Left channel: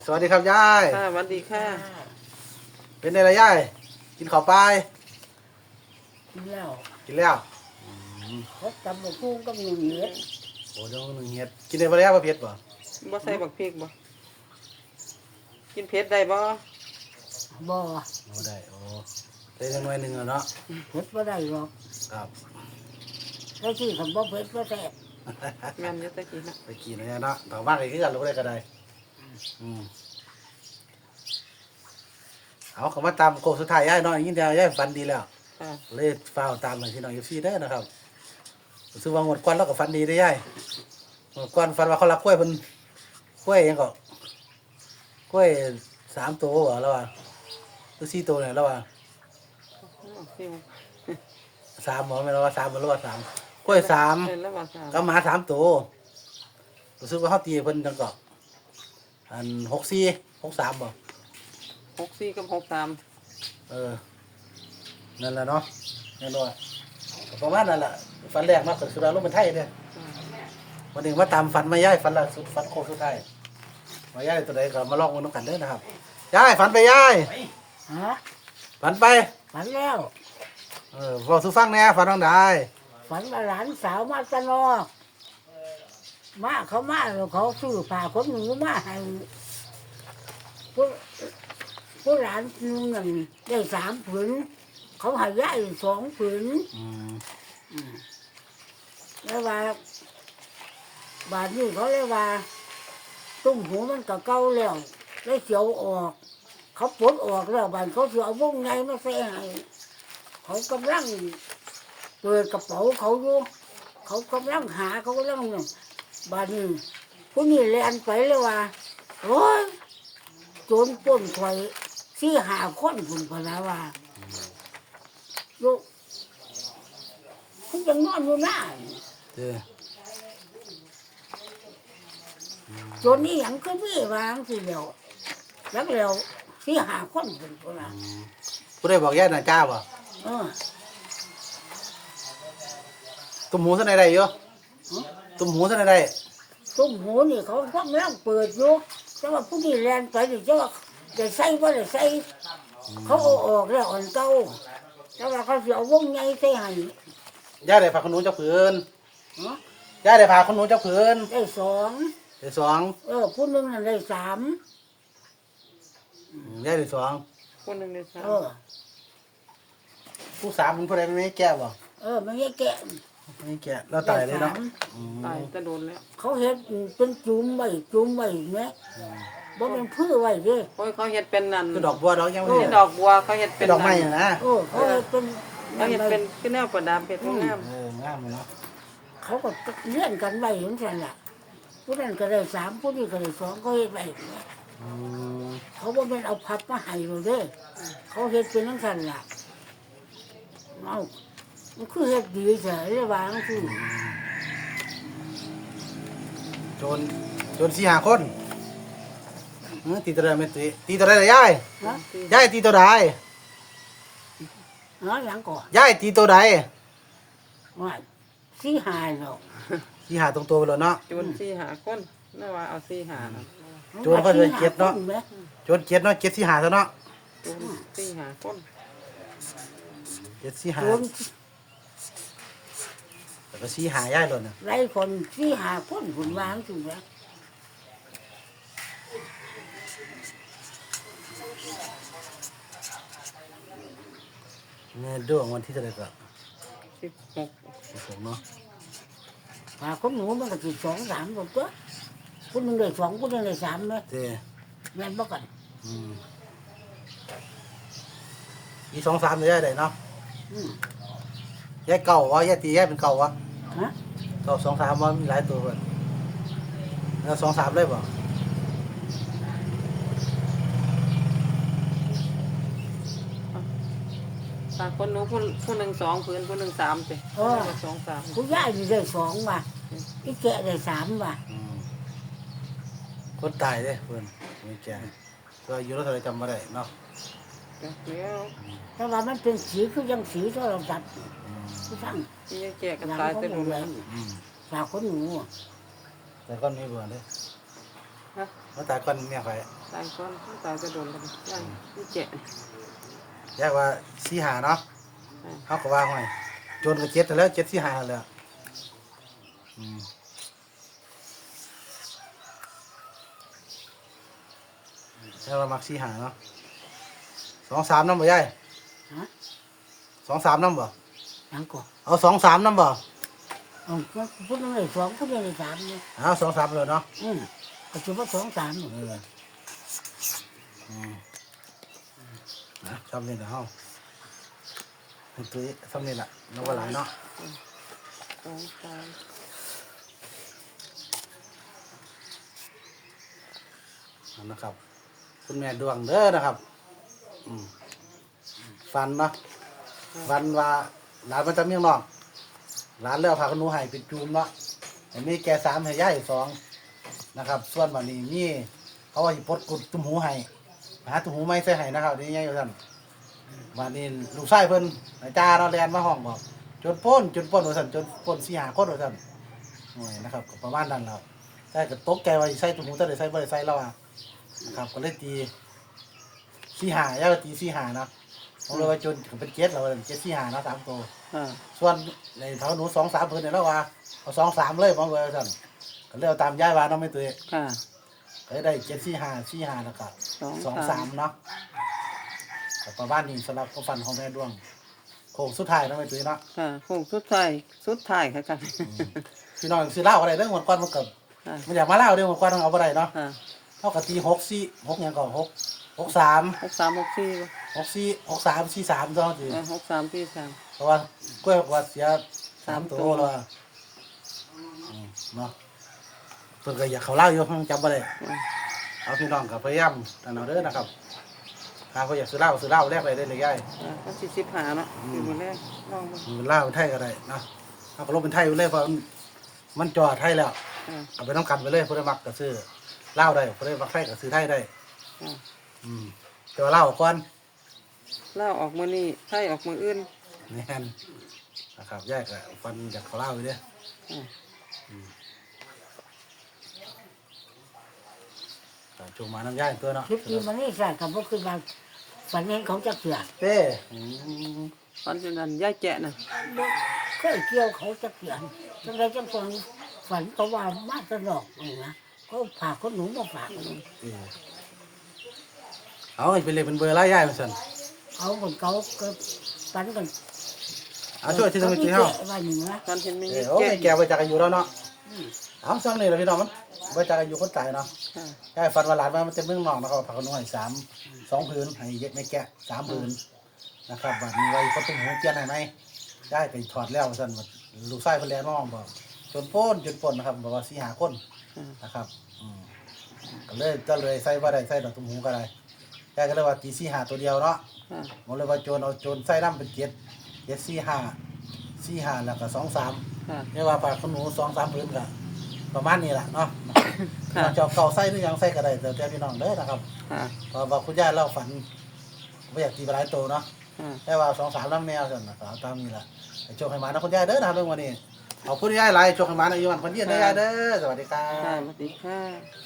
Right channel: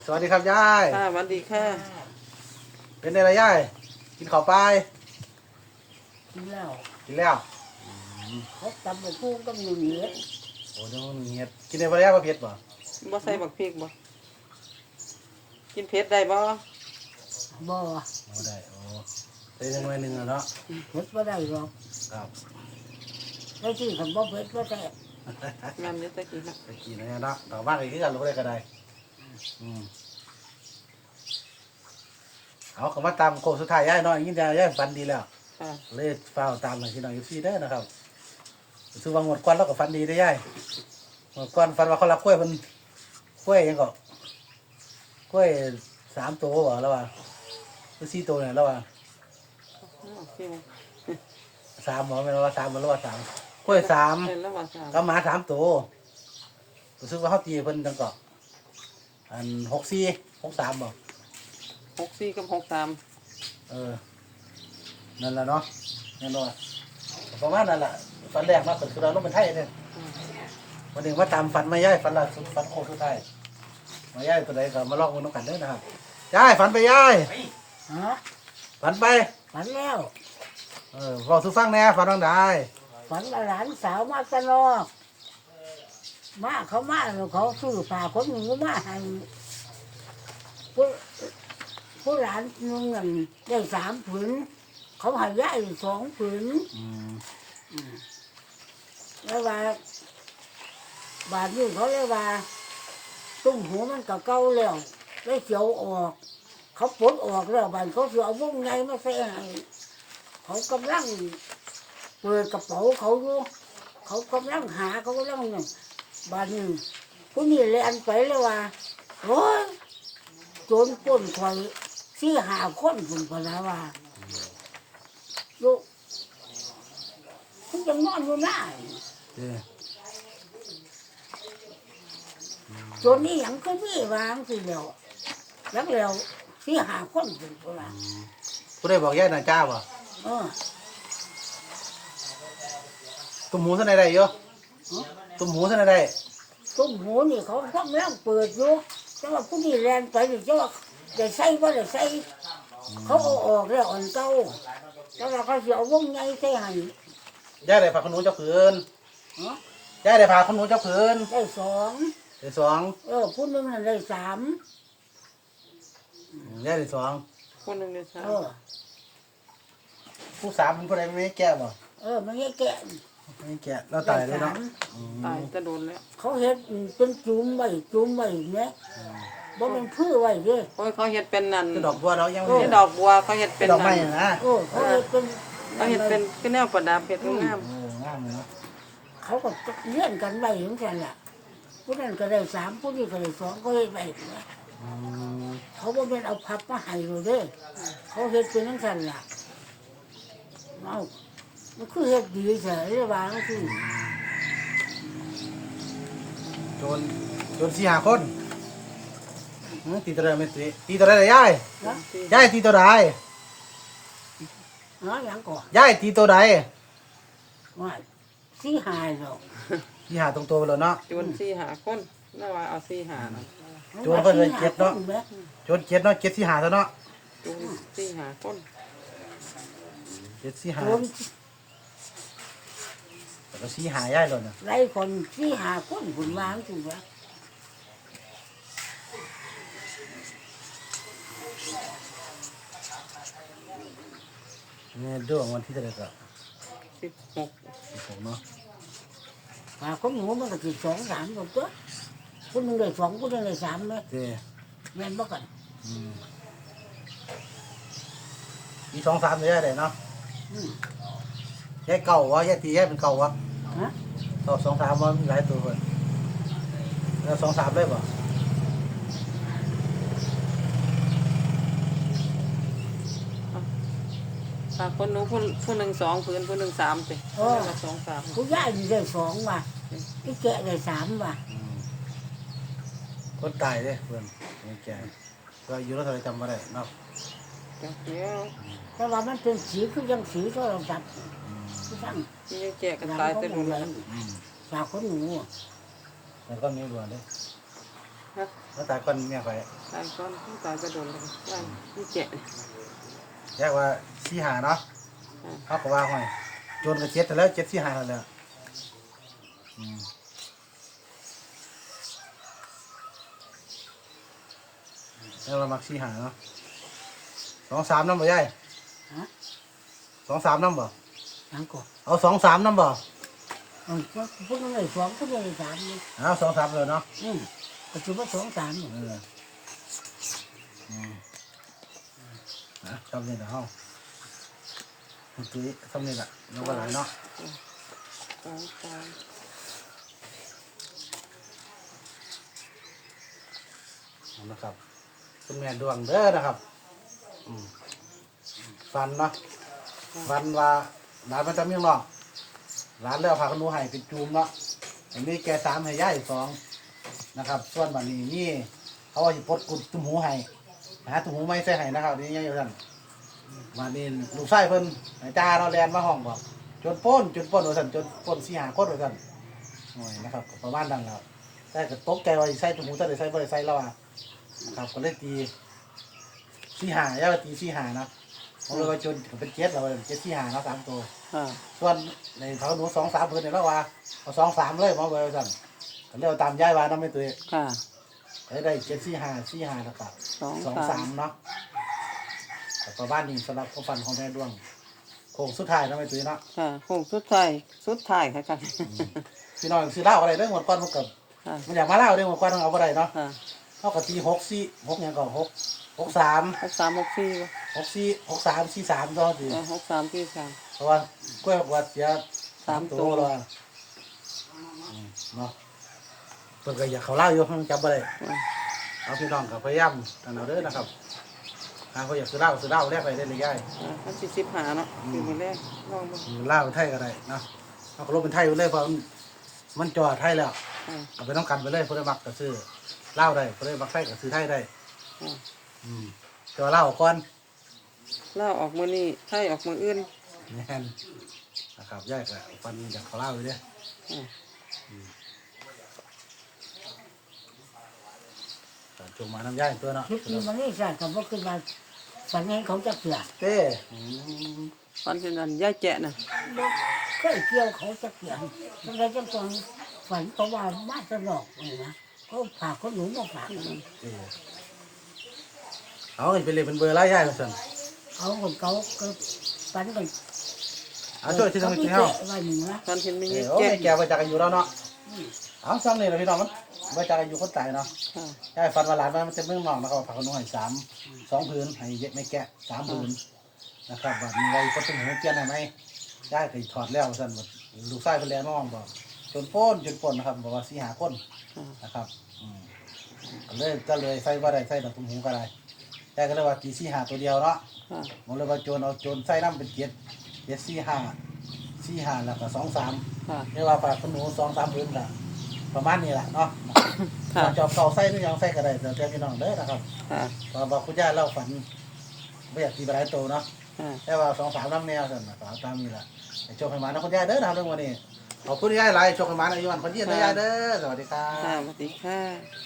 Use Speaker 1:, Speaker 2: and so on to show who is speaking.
Speaker 1: สวัสดีครับยาย
Speaker 2: ค่ะสวัสดีค่ะ
Speaker 1: เป็นไงล่ะยายกินข้าวไป
Speaker 3: กินแล้ว
Speaker 1: กินแล้ว
Speaker 3: เขาตำบักหุ่งกับหนึ่งเห็ด
Speaker 1: โอ้เดี๋ยวนึงเฮ็ดกินได้บ่แล้วบ่เผ็ดบ่
Speaker 2: บ่ใส่บักพริกบ่กินเผ็ดได้บ่
Speaker 3: บ่
Speaker 1: บ่ได้โอ้ได้จังหน่อยนึงเนาะ
Speaker 3: เผ็ดบ่ได้หรอก
Speaker 1: ครับ
Speaker 3: แล้วที่ผมบ่เผ็ดบ่แซ่บ
Speaker 2: แม่นอยู่ตะกี้น่ะ
Speaker 1: ไปกินแล้วเนาะต่อมาก็คือกันบ่ได้ก็ได้เอาเข้ามาตามโค้งสุดท้ายยายเนาะยินดียายฝันดีแล้ว
Speaker 2: ค่ะ
Speaker 1: เลยฟ้าวตามหน่อยพี่น้อง FC เด้อนะครับรู้สึกว่าหมดก่อนแล้วก็ฝันดีได้ยายหมดก่อนฝันว่าเขารักกล้วยเพิ่นกล้วยหยังก็กล้วย3ตัวบ่แล้วว่าหรือ4ตัวเนี่ยแล้วว่า
Speaker 2: ซิว
Speaker 1: 3บ่แม่นว่า3บ่แล้วว่า3กล้วย3
Speaker 2: แล้วว่า3
Speaker 1: กับหมา3ตัวรู้สึกว่าเฮาตีเพิ่นจังก็อัน64 63บ่
Speaker 2: 64กับ63
Speaker 1: นั่นแหละเนาะแน่นอนประมาณนั้นแหละฝันแรกเนาะก็คือเราลงเป็นไทยเนี่ยวันหนึ่งมาตามฝันมาย่ายฝันละฝันโคตรสุดท้ายมาย่ายตัวใดก็มาลองกันกันเด้อนะครับย่ายฝันไปย่าย
Speaker 3: ฮะ
Speaker 1: ฝันไป
Speaker 3: ฝันแล้ว
Speaker 1: บอกสุฟังแน่ฝันทางใด
Speaker 3: ฝันว่าหลานสาวมาตะนอกมาเขามาแล้วเขาซื้อผ้าขนหนูมาให้ผู้หลานนึงนั่นได้3 ผืนเขาให้ยาย2 ผืนแล้วว่าบาดนี้เขาเลยว่าตุ้มหูมันก็เก่าแล้วได้เขียวออกเขาปลดออกแล้วบาดเขาเสือเอาวงไงมาใส่ให้เขากำลังเปิดกระเป๋าเขาอยู่เขากำลังหาเขากำลังเนี่ยบาดนี้ผู้นี้แลนไปเลยว่าโอ้ยโจรป้นถอย4-5 คนคุณพนาว่าลูกคุณจะนอนอยู่หน้าโจรนี่ยังก็มีวางสิเดียวแล้ว4-5 คนคุณพนา
Speaker 1: ผู้ใดบอกย่ายน่ะจ้าบ่ตุ้มหูซะไหนได้อยู่ตุ้มหูซะไหนได้
Speaker 3: ตุ้มหูนี่เขากำลังเปิดอยู่แต่ว่าผู้นี้แลนไปนี่จะว่าจะใส่บ่ได้ใส่เขาเอาออกแล้วอ่อนเก่าแต่ว่าเขาสิเอาวงใหญ่ใส่ให้
Speaker 1: ย่าได้พาขนุนเจ้าผืนย่าได้พาขนุนเจ้าผืน
Speaker 3: ได้2
Speaker 1: ได้2
Speaker 3: ผู้นึงนั่นได้3
Speaker 1: ย่าได้2
Speaker 2: คนนึงได้3
Speaker 1: ผู้3เป็นผู้ใดไม่แก่บ่
Speaker 3: มันไม่แก่
Speaker 1: ไม่แก่แล้วตายเลยเนาะ
Speaker 2: ตายจะโดนแล้ว
Speaker 3: เขาเฮ็ดเป็นจุ่มไว้แม่บ่เป็นพื้นไว้เด้อ
Speaker 2: โอ้ยเขาเฮ็ดเป็นนั่น
Speaker 1: คือดอกบัวดอกยัง
Speaker 2: ไม่ดอกบัวเขาเฮ็ดเป็น
Speaker 1: ดอกไม้นะ
Speaker 3: เขาเฮ็ดเป็น
Speaker 2: เขาเฮ็ดเป็นที่แนวประดับเฮ็ดงาม
Speaker 1: งามเลย
Speaker 3: เขาก็เลี้ยงกันไว้เหมือนกันล่ะผู้นั้นก็ได้3ผู้นี้ก็ได้2ก็เฮ็ดไว้เนี่ยเขาบ่แม่นเอาพับมาให้เราเด้อเขาเฮ็ดเป็นจังซั่นล่ะเอามันคือเฮ็ดดีแท้เลยว่าจังซี่
Speaker 1: โจร4-5 คนตีตัวใดไม่ตีตัวใดเลยยายตีตัวใด
Speaker 3: ยังก่อน
Speaker 1: ยายตีตัวใด
Speaker 3: ว่า4-5เนาะ
Speaker 1: 4-5ตรงตัวเลยเนาะ
Speaker 2: โจร4-5 คนน่าว่าเอา4-5นะ
Speaker 1: โจรก็เลย7เนาะโจร7เนาะ7 4-5เท่าเนาะ
Speaker 2: โจร4-5 คน
Speaker 1: 7 4-5แต่ก็4-5ยายเลยนะ
Speaker 3: ไรคน4-5 คนคุณวางสิวะ
Speaker 1: เนี่ยดวงวันที่เท่าไหร่ก็16เนาะ
Speaker 3: คนหนูมันก็สิ2-3คนตัวคนนึงได้2คนนึงได้3เนาะแม่นบ่กัน
Speaker 1: มี2-3เลยได้เนาะแยกเก่าวะแยกตีแยกเป็นเก่าวะตอบ2-3ว่ามีหลายตัวก่อนแล้ว2-3เลยป่ะ
Speaker 2: คนนู้นผู้นึง2 ผืนผู้นึง3สิ2-3
Speaker 3: ผู้ใหญ่ได้2ว่ะที่แก่ได้3ว่ะ
Speaker 1: คนตายเด้เพื่อนไม่แก่ก็อยู่แล้วเราจำไม่ได้เนาะ
Speaker 3: แต่ว่ามันเป็นสีคือยังสีโทรศัพท์ที่ทั้ง
Speaker 2: ที่แก่กันตายไปหมดแล้ว
Speaker 3: ฝากคนหนู
Speaker 1: แต่ก็มีรวนเลย
Speaker 2: ฮะ
Speaker 1: มาตายก่อนเมียไป
Speaker 2: ตายก่อนผู้ตายก็โดนเลยย่างนี่แกะ
Speaker 1: แยกว่าสี่หาเนาะ
Speaker 2: อืม
Speaker 1: เขาก็ว่าห้อยโจนก็เจ็ดแต่แล้วเจ็ดสี่หาแล้วแล้วเรามักสี่หาเนาะ2-3น้ำบ่ยาย
Speaker 3: ฮะ
Speaker 1: 2-3น้ำบ่
Speaker 3: ยังก่อน
Speaker 1: เอา2-3น้ำบ่
Speaker 3: พูดนึงเลย2พูดนึงเลย3เนี่ย
Speaker 1: เอา2-3เลยเนาะ
Speaker 3: ก็ถือว่า2 3เนี่ย
Speaker 1: นะชอบเล่นแต่ห้องคุณตุ้ยชอบเล่นละน้องก็หลายเนาะ
Speaker 2: 2 3
Speaker 1: นะครับคุณแม่ดวงเด้อนะครับฟันเนาะฟันว่าหลานมันจะเมียงนอกหลานเลี้ยวพาขนูให้เป็นจูมเนาะอันนี้แก3ให้ย่าย2นะครับส่วนวันนี้มีเขาว่าจะปลดกุดตุ้มหูให้หาตุ้มหูไม่ใส่ให้นะครับนี่ยังอยู่ท่านวันนี้ลูกไส้เพิ่นไอ้จ้าเราแลนมาห้องบอกจนป้นว่าท่านจนป้น4-5คนว่าท่านหน่วยนะครับประมาณนั้นแล้วแต่ก็ตกใจว่าสิใส่ตุ้มหูแต่ได้ใส่บ่ได้ใส่แล้วอ่ะนะครับก็เลยตี4-5ย่าก็ตี4-5เนาะผมเลยว่าจนเป็น7แล้วว่า7 4-5เนาะ3ตัว
Speaker 2: ค่ะ
Speaker 1: ส่วนในเท้าหนู2-3เพิ่นเนี่ยแล้วว่าเอา2-3เลยมาไว้ซั่นก็เลยเอาตามย้ายว่าเนาะไม่ตุ้ย
Speaker 2: ค่ะ
Speaker 1: ก็ได้7-4-5แล้วก็ 2-3เนาะก็ประมาณนี้สำหรับความฝันของแม่ดวงโค้งสุดท้ายเนาะไม่ตุ้ยเนาะ
Speaker 2: ค่ะคงสุดท้ายค่ะ
Speaker 1: พี่น้องซื้อเหล้าอะไรเด้อหมดก่อนมันก็
Speaker 2: ค่ะ
Speaker 1: มันอยากมาเหล้าเด้อหมดก่อนเอาบ่ได้เนาะ
Speaker 2: ค่ะ
Speaker 1: เฮาก็ตี6-4 6หยังก่อน6-3
Speaker 2: 63 64บ่
Speaker 1: 6-4 6-3 4-3ตัวสิ
Speaker 2: 63 43
Speaker 1: เพราะว่ากล้วยบอกว่าเสีย
Speaker 2: 3 ตัว
Speaker 1: แล้วเนาะเพิ่นก็อยากเขาเหล้าอยู่มันจำบ่ได้ เอาพี่น้องกับพยายามกันเอาเด้อนะครับทางเขาอยากซื้อเหล้าแลกไปได้เลยย่าย
Speaker 2: มันสิ15เนาะอยู่มื้อแรกลองเบิ่ง
Speaker 1: อยู่เหล้าไทยก็ได้นะเอาก็ลบเป็นไทยอยู่เลยเพราะมันจอดไทยแล้ว
Speaker 2: อ่า
Speaker 1: เอาไปน้ำกันไปเลยเพื่อมักก็ซื้อเหล้าได้เพื่อมักไทยก็ซื้อไทยได้
Speaker 2: อ่า
Speaker 1: แต่ว่าเหล้าก่อน
Speaker 2: ลาวออกมื้อนี้ไทยออกมื้ออื่น
Speaker 1: นี่นนะครับย่ายก็ฟันจากเขาเหล้าอยู่เด้อ
Speaker 2: อ่า
Speaker 1: จงมาน้ำย่ายตัวเนาะ
Speaker 3: คลิปนี้มันไม่ใช่คำว่าขึ้นมาฝันเห็นเขาจะเกลือ
Speaker 1: เต้
Speaker 2: ฝันเป็นนั้นยายแกะน่ะ
Speaker 3: เคยเกี่ยวเขาจะเกลือทำไมจังตอนฝันเขาว่ามาตลอดเลยนะเขาฝากคนหนูมาฝากเลย
Speaker 1: เอาไปเลยเป็นเบอร์ไล่ย่ายมาสั่น
Speaker 3: เอาคนเขาก็ฝันกัน
Speaker 1: เอาช่วยที่ตรงนี้
Speaker 3: เขา
Speaker 1: เฮา
Speaker 3: ว่าอย่างนี้นะ
Speaker 2: ฝันเห็นมี
Speaker 1: โอ้
Speaker 2: แกะ
Speaker 1: ยแกไปจากอายุแล้วเนาะเอาซ้ำนี่แหละพี่น้องไปจากอายุคนตายเนาะ
Speaker 2: ค่ะ
Speaker 1: แค่ฟันว่าหลานมันเต็มเมืองนอกแล้วก็ผักขนมให้2พื้นให้เย็ดไม่แกะ3พื้นนะครับแบบนี้ไว้ก็ต้องหัวเจียนให้ไหมได้ไปถอดแล้วสั่นลูกไส้เพิ่นแลน้องบอกจนป้นนะครับบอกว่า4-5คน
Speaker 2: ค่ะ
Speaker 1: นะครับก็เลยใส่บ่ได้ใส่ดอกตุ้มหูก็ได้แต่ก็เลยว่าตี4-5ตัวเดียวเนาะ
Speaker 2: ค่ะ
Speaker 1: ผมเลยว่าโจรเอาโจรใส่น้ำเป็น7 4-5แล้วก็2-3
Speaker 2: ค่ะ
Speaker 1: เรียกว่าปลาขนหนู2-3พื้นละประมาณนี้แหละเนาะ
Speaker 2: ค่ะ
Speaker 1: จอบเก่าไส้หรือยังไส้ก็ได้แต่พี่น้องเด้อนะครับ
Speaker 2: ค่ะ
Speaker 1: ว่าคุณย่าเล่าฝันไม่อยากตีไปหลายโตเนาะ
Speaker 2: ค่ะ
Speaker 1: แต่ว่า2-3น้ำแนวกันนะครับตามนี่แหละไอ้โชคให้มานะคุณย่าเด้อนะเรื่องวันนี้ขอบคุณย่าหลายโชคให้มาในวันพันยี่นะย่าเด้อสวัสดีครั
Speaker 2: ค่ะ
Speaker 1: บ
Speaker 2: สวัสดีค่ะ